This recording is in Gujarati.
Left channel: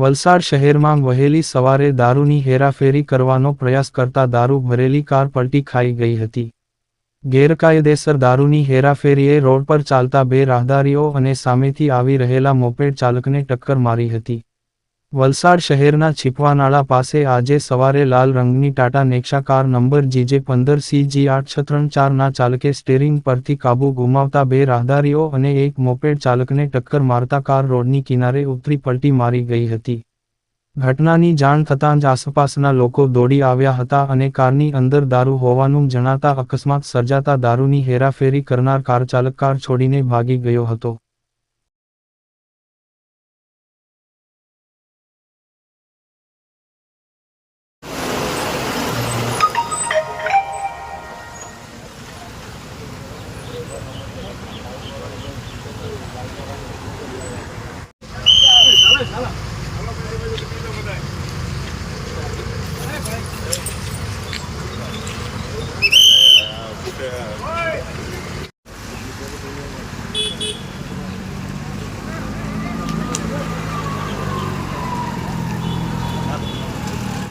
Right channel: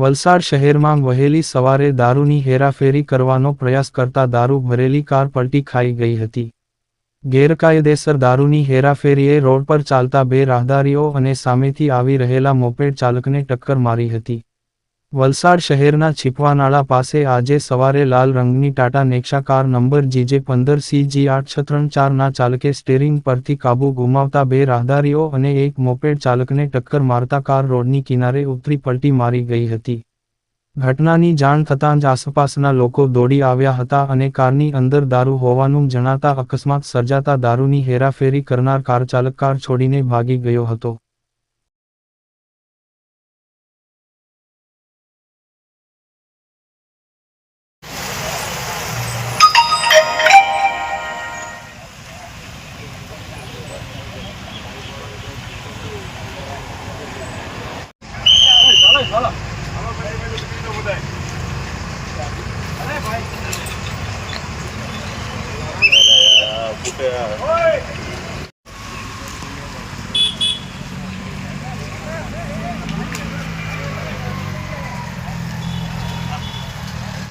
વલસાડ શહેરમાં વહેલી સવારે દારૂની હેરાફેરી કરવાનો પ્રયાસ કરતા દારૂ ભરેલી કાર પલટી ખાઈ ગઈ હતી. ગેરકાયદેસર દારૂની હેરાફેરીએ રોડ પર ચાલતા બે રાહદારીઓ અને સામેથી આવી રહેલા મોપેડ ચાલકને ટક્કર મારી હતી. વલસાડ શહેરના છીપવાનાળા પાસે આજે સવારે લાલ રંગની ટાટા નેક્સા કાર નંબર GJ15CG8634 ના ચાલકે સ્ટીરિંગ પરથી કાબુ ગુમાવતા બે રાહદારીઓ અને એક મોપેડ ચાલકને ટક્કર મારતા કાર રોડની કિનારે ઉતરી પલટી મારી ગઈ હતી. ઘટનાની જાણ થતાં જ આસપાસના લોકો દોડી આવ્યા હતા અને કારની અંદર દારૂ હોવાનું જણાતા અકસ્માત સર્જાતા દારૂની હેરાફેરી કરનાર કાર ચાલક કાર છોડીને ભાગી ગયો હતો.